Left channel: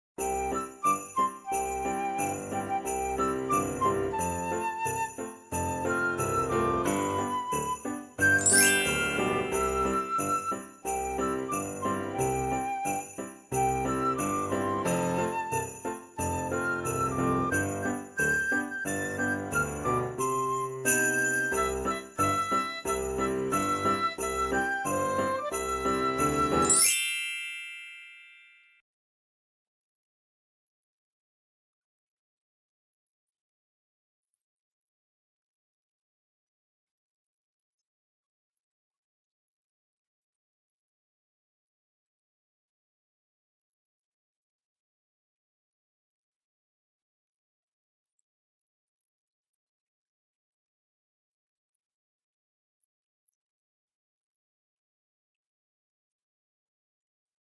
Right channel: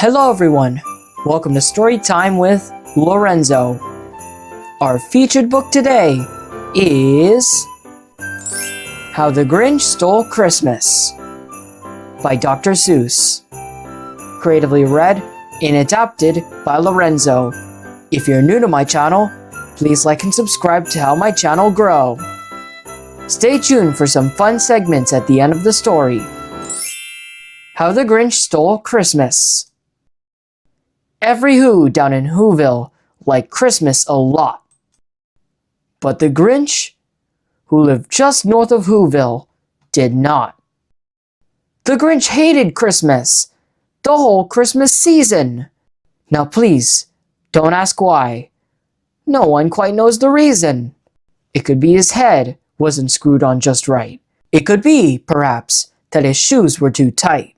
Hello everyone, welcome to Storytime with Lorenzo. Our featured book today is How the Grinch Stole Christmas by Dr. Seuss. Creatively read and adapted by Lorenzo. If you're new to my channel, please like and subscribe to help my channel grow. Stay tuned for some fun segments at the end of the story. How the Grinch Stole Christmas. Every Who down in Who-ville liked Christmas a lot. But the Grinch, who lived just north of Who-ville, did not. The Grinch hated Christmas, the whole Christmas season. Now please, don't ask why. No one quite knows the reason. It could be his head wasn't screwed on just right. It could be, perhaps, that his shoes were too tight.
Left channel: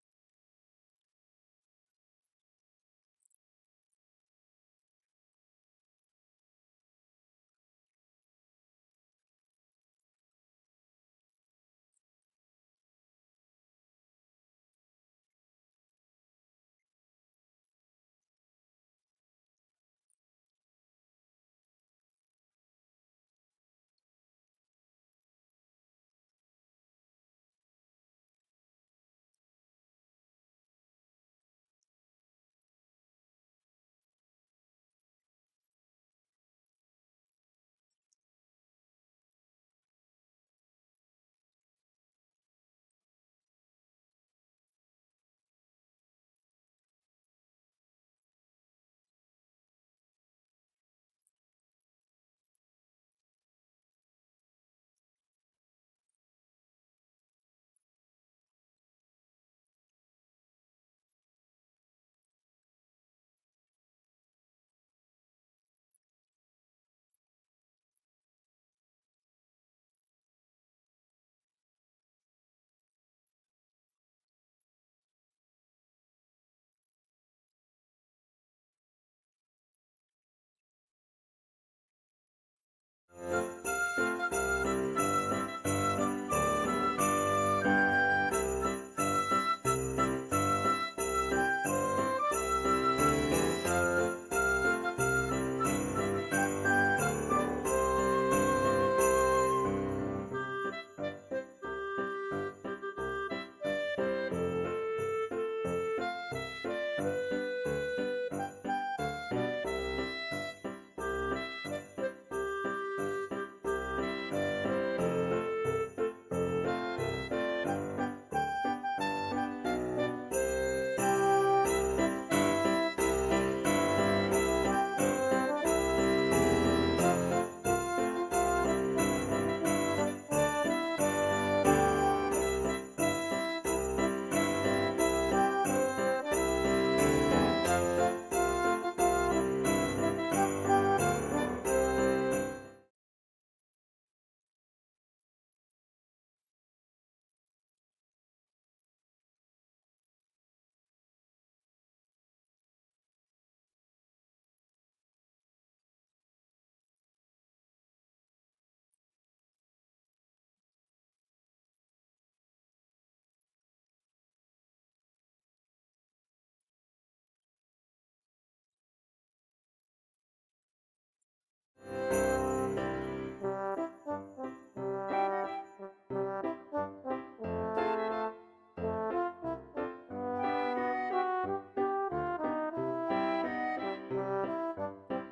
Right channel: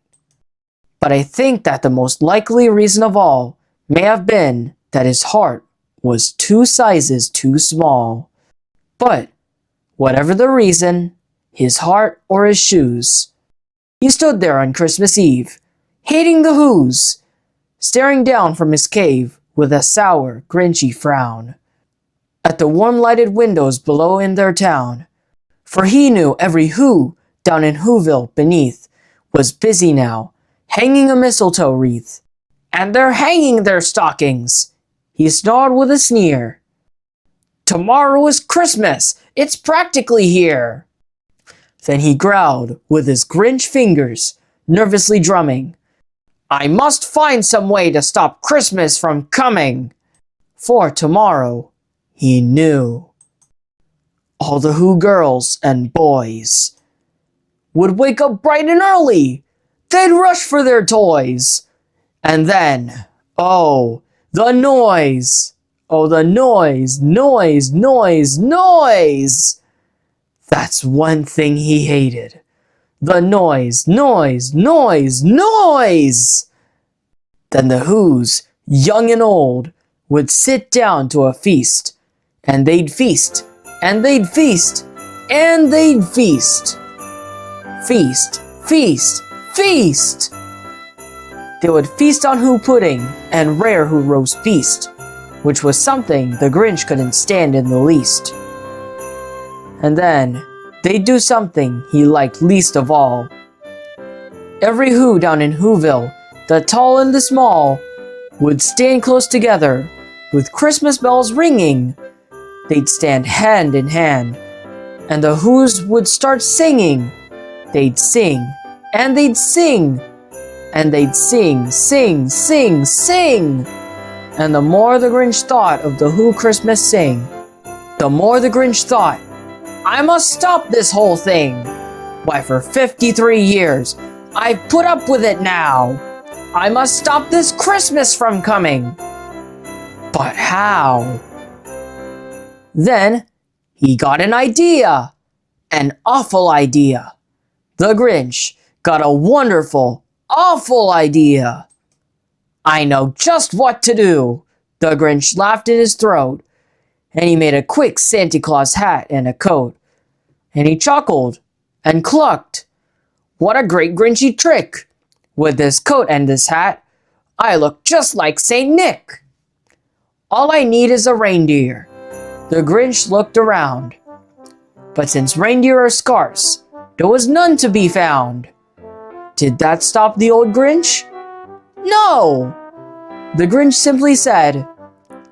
But I think that the most likely reason of all may have been that his heart was 2 sizes too small. But, whatever the reason, his heart or his shoes, he stood there on Christmas Eve, hating the Whos, staring down from his cave with a sour, grinchy frown at the warm-lighted windows below in their town. For he knew every Who down in Who-ville beneath was busy now, hanging a mistletoe wreath. And they're hanging their stockings, he snarled with a sneer. Tomorrow is Christmas, it's practically here. Then he growled with his Grinch fingers, nervously drumming. I must find some way to stop Christmas from coming. For tomorrow, he knew, all the Who girls and boys would wake up bright and early. They'd rush for their toys. And then, oh, the noise. Oh, the noise, noise, noise, noise. That's one thing he hated. The noise, noise, noise, noise. Then the Whos, young and old, would sit down to a feast. And they'd feast, and they'd feast, and they'd feast. Feast, feast, feast. They would feast on Who pudding and rare Who roast beast, which was something the Grinch couldn't stand in the least. And then, they'd do something he liked least of all. Every Who down in Who-ville, the tall and the small, would stand close together, with Christmas bells ringing. They'd stand hand in hand, and the Whos would start singing. They'd sing, and they'd sing, and they'd sing, sing, sing, sing. And the more the Grinch thought of the Who Christmas sing, the more the Grinch thought, I must stop this whole thing. Why, for 53 years, I've put up with it now. I must stop this Christmas from coming. But how? Then, he got an idea. An awful idea. The Grinch got a wonderful, awful idea. I know just what to do. The Grinch laughed in his throat, and he made a quick Santa Claus hat and a coat. And he chuckled and clucked. What a great Grinchy trick! With this coat and this hat, I look just like Saint Nick. All I need is a reindeer. The Grinch looked around. But since reindeer are scarce, there was none to be found. Did that stop the old Grinch? No! The Grinch simply said,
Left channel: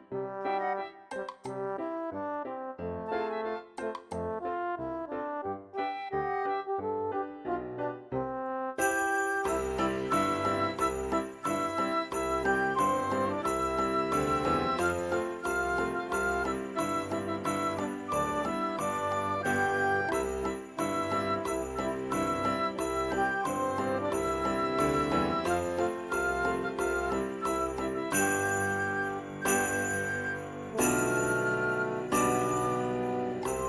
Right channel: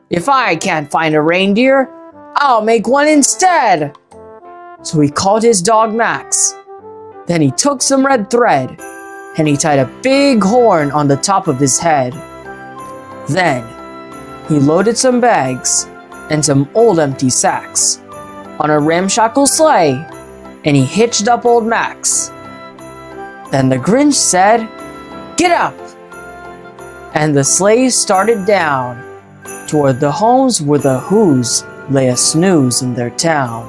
if I can't find a reindeer, I'll make one instead. So he called his dog Max. Then he took some red thread, and he tied a big horn on the top of his head. Then he loaded some bags and some old empty sacks on a ramshackle sleigh, and he hitched up old Max. Then the Grinch said, get up! And the sleigh started down toward the homes where the Whos lay a snooze in their town.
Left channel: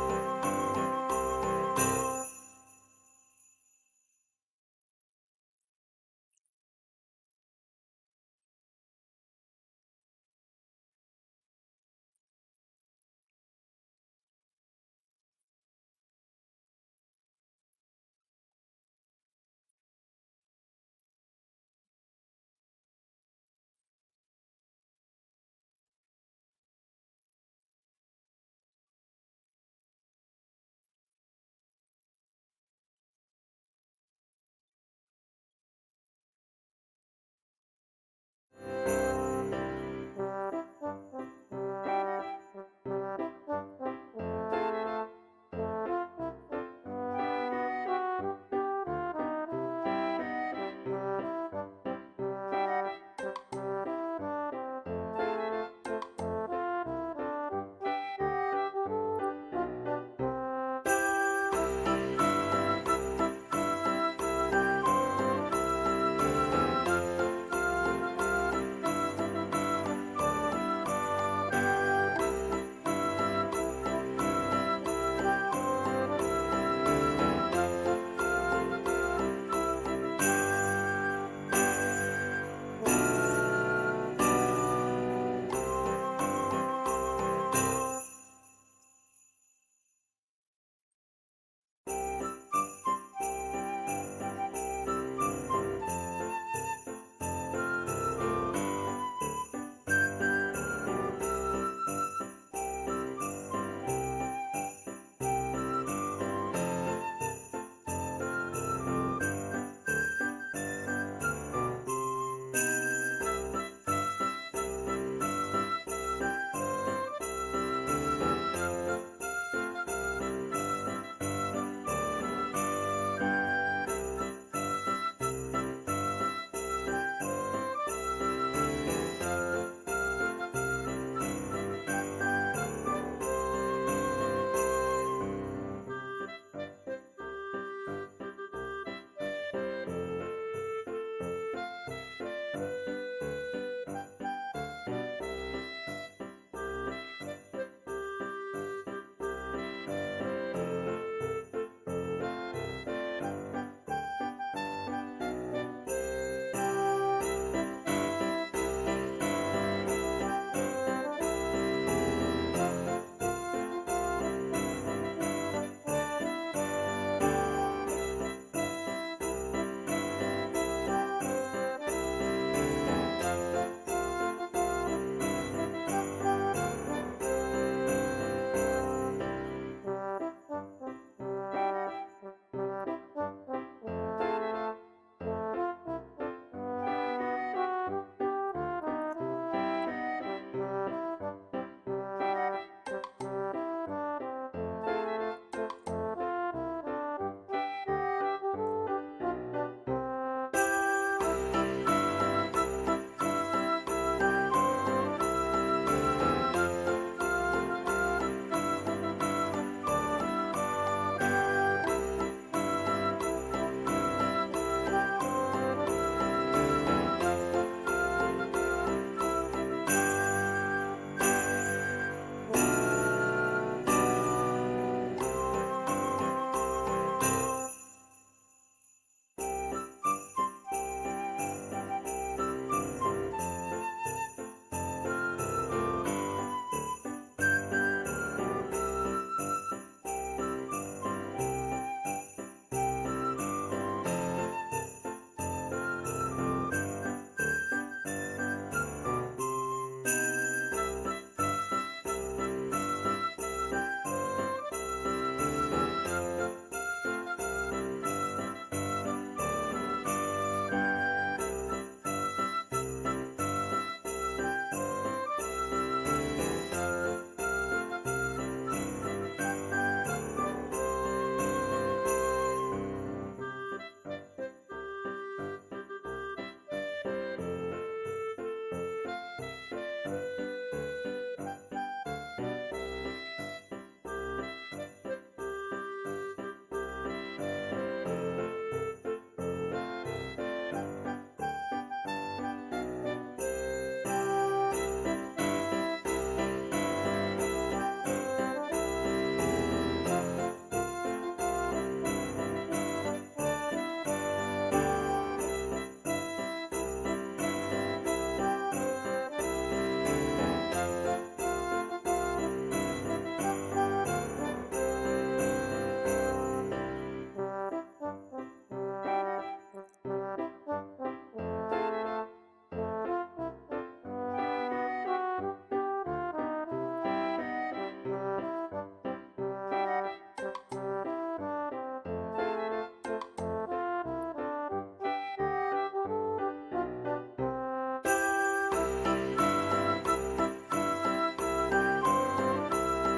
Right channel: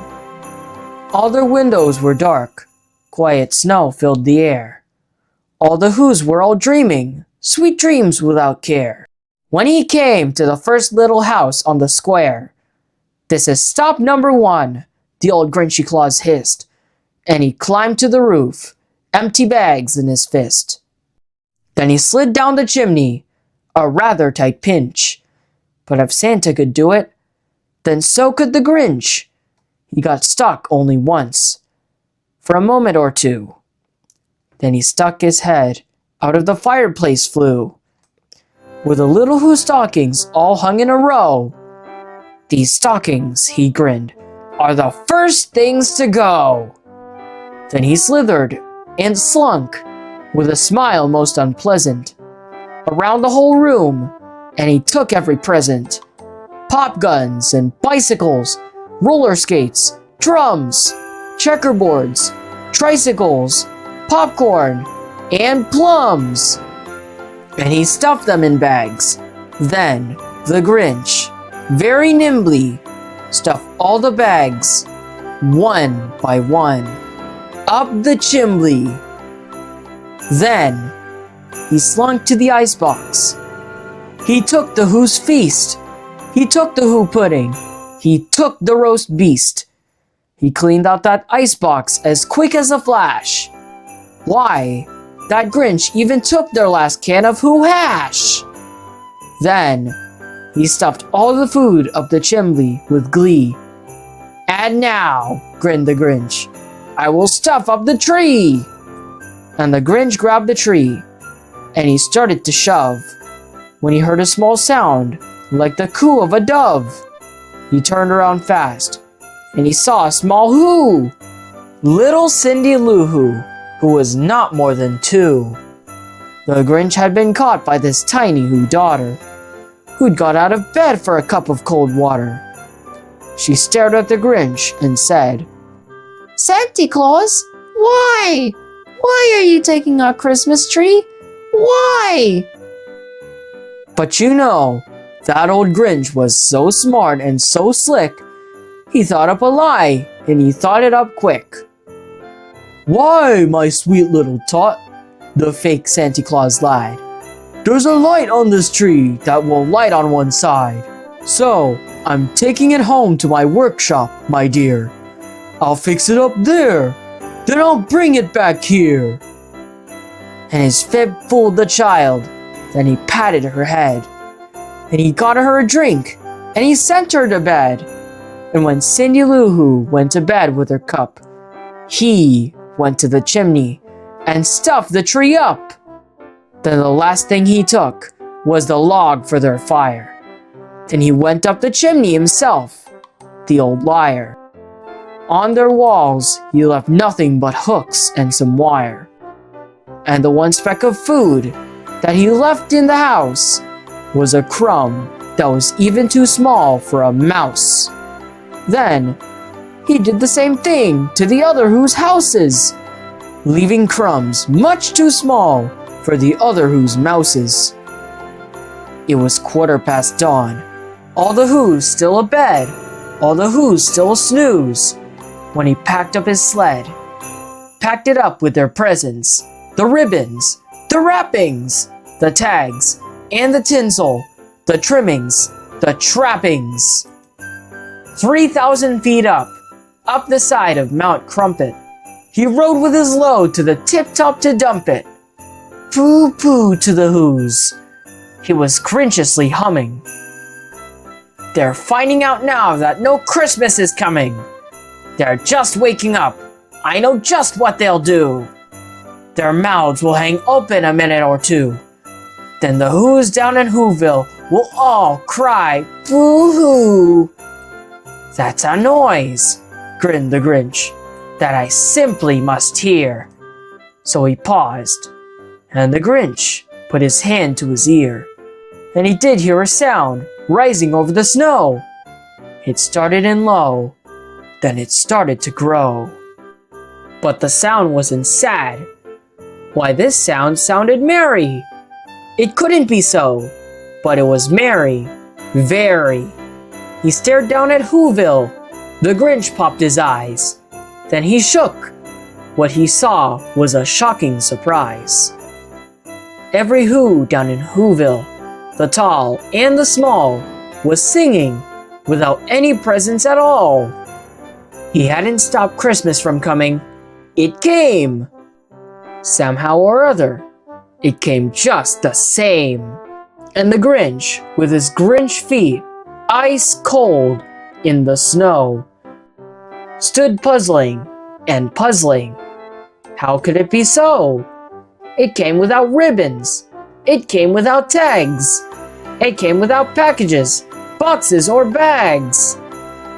All their windows were dark, quiet snow filled the air. All the Whos were all dreaming, sweet dreams without care. When he came to the first little house on the square, this is stop number 1, the old Grinchy Claus hissed, and he climbed to the roof, empty bags in his fist. Then he slid down the chimney, a rather tight pinch. But if Santa could do it, then so could the Grinch. He got stuck only once, for a moment or two. Then he stuck his head out of the fireplace flue, with the little Who stockings all hung in a row. These stockings, he grinned, are the first things to go. Then he slithered and slunk, with a smile most unpleasant, around the whole room, and he took every present. Pop guns and bicycles, roller skates, drums, checkerboards, tricycles, popcorn, and plums. And he stuffed them in bags. Then the Grinch, very nimbly, stuffed all the bags, one by one, up the chimney. Then he slunk to the icebox. He took the Who's feast. He took the Who pudding. He took the roast beast. He cleaned out that icebox as quick as a flash. Why, that Grinch even took their last can of Who hash. Then he stuffed all the food up the chimney with glee. And now, grinned the Grinch, I will stuff up the tree. And the Grinch grabbed the tree, and he started to shove, when he heard a small sound like the coo of a dove. He turned around fast, and he saw a small Who, little Cindy Lou who was not more than 2. The Grinch had been caught by this tiny Who daughter, who'd got out of bed for a cup of cold water. She stared at the Grinch and said, "Santa Claus, why? Why are you taking our Christmas tree? Why?" But you know, that old Grinch was so smart and so slick, he thought up a lie, and he thought it up quick. "Why, my sweet little tot," the fake Santa Claus lied, "there's a light on this tree that will light on one side. So, I'm taking it home to my workshop, my dear. I'll fix it up there, then I'll bring it back here." And his fib fooled the child. Then he patted her head, and he got her a drink, and he sent her to bed. And when Cindy Lou Who went to bed with her cup, he went to the chimney and stuffed the tree up. Then the last thing he took was the log for their fire. Then he went up the chimney himself, the old liar. On their walls he left nothing but hooks and some wire. And the one speck of food that he left in the house was a crumb that was even too small for a mouse. Then he did the same thing to the other Who's houses, leaving crumbs much too small for the other Who's mouses. It was 1/4 dawn. All the Who's still abed, all the Who's still snooze, when he packed up his sled, packed it up with their presents, the ribbons, the wrappings, the tags, and the tinsel, the trimmings, the trappings. 3,000 feet up the side of Mount Crumpet, he rode with his load to the tip-top to dump it. Pooh-pooh to the Who's, he was Grinchiously humming. They're finding out now that no Christmas is coming. They're just waking up. I know just what they'll do. Their mouths will hang open a minute or two. Then the Who's down in Who-ville will all cry boo-hoo. That's a noise, grinned the Grinch, that I simply must hear. So he paused, and the Grinch put his hand to his ear, and he did hear a sound rising over the snow. It started in low, then it started to grow. But the sound wasn't sad. Why, this sound sounded merry. It couldn't be so, but it was merry, very. He stared down at Who-ville. The Grinch popped his eyes. Then he shook. What he saw was a shocking surprise. Every Who down in Who-ville, the tall and the small, was singing without any presents at all. He hadn't stopped Christmas from coming. It came. Somehow or other, it came just the same. And the Grinch, with his Grinch feet ice cold in the snow, stood puzzling and puzzling. How could it be so? It came without ribbons. It came without tags. It came without packages, boxes, or bags.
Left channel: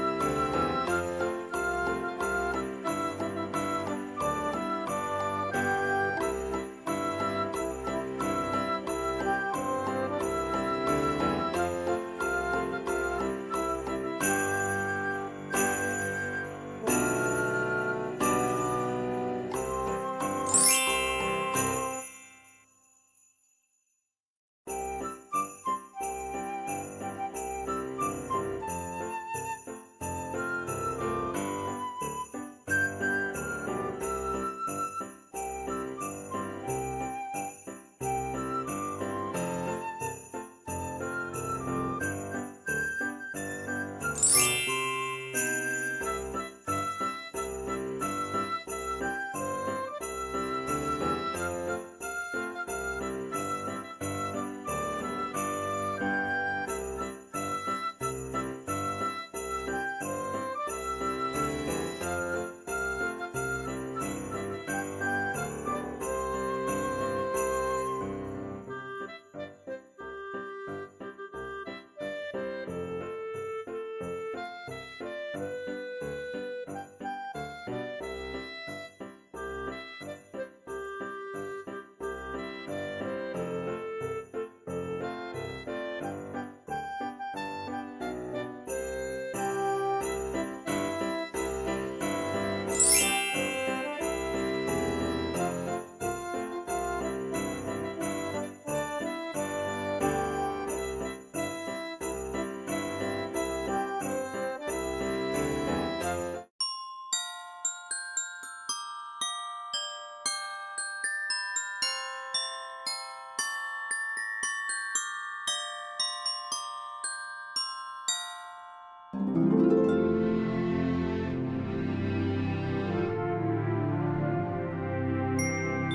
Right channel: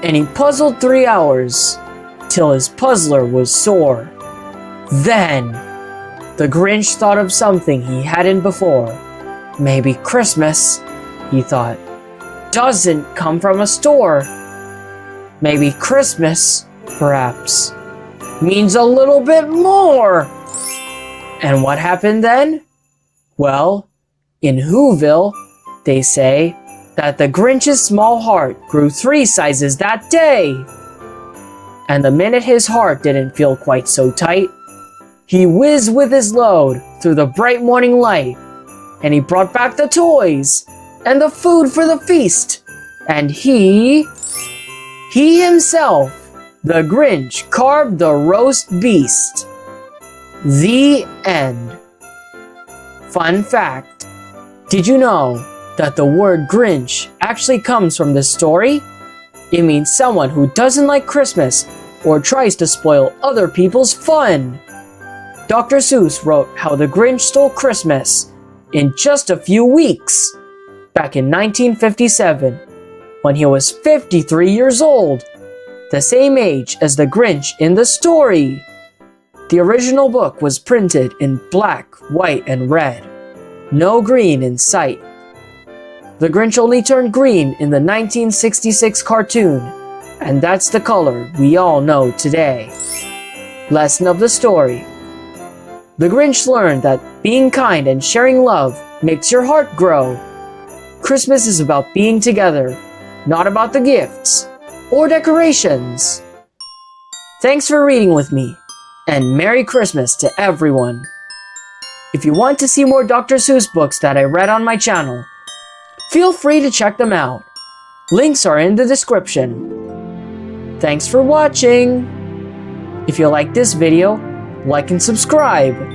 And he puzzled 3 hours, till his puzzler was sore. Then, the Grinch thought of something he hadn't before. Maybe Christmas, he thought, doesn't come from a store. Maybe Christmas, perhaps, means a little bit more. And what happened then? Well, in Who-ville, they say that the Grinch's small heart grew 3 sizes that day. And the minute his heart didn't feel quite so tight, he whizzed with his load through the bright morning light, and he brought back the toys and the food for the feast. And he himself, the Grinch, carved the roast beast. The end. Fun fact, did you know that the word Grinch actually comes from this story? It means someone who doesn't like Christmas or tries to spoil other people's fun. Dr. Seuss wrote How the Grinch Stole Christmas in just a few weeks, back in 1957, when he was 53 years old, the same age as the Grinch in the story. The original book was printed in black, white, and red. No green in sight. The Grinch only turned green in the 1966 cartoon, and that's the color we all know today. Lesson of the story. The Grinch learned that being kind and sharing love makes your heart grow. Christmas is about being together, not about the gifts or decorations. Thanks for reading with me, and Merry Christmas to everyone. If you want to see more Dr. Seuss books that I read on my channel, feel free to check them out. Links are in the description. Thanks for watching. If you like this video, like and subscribe.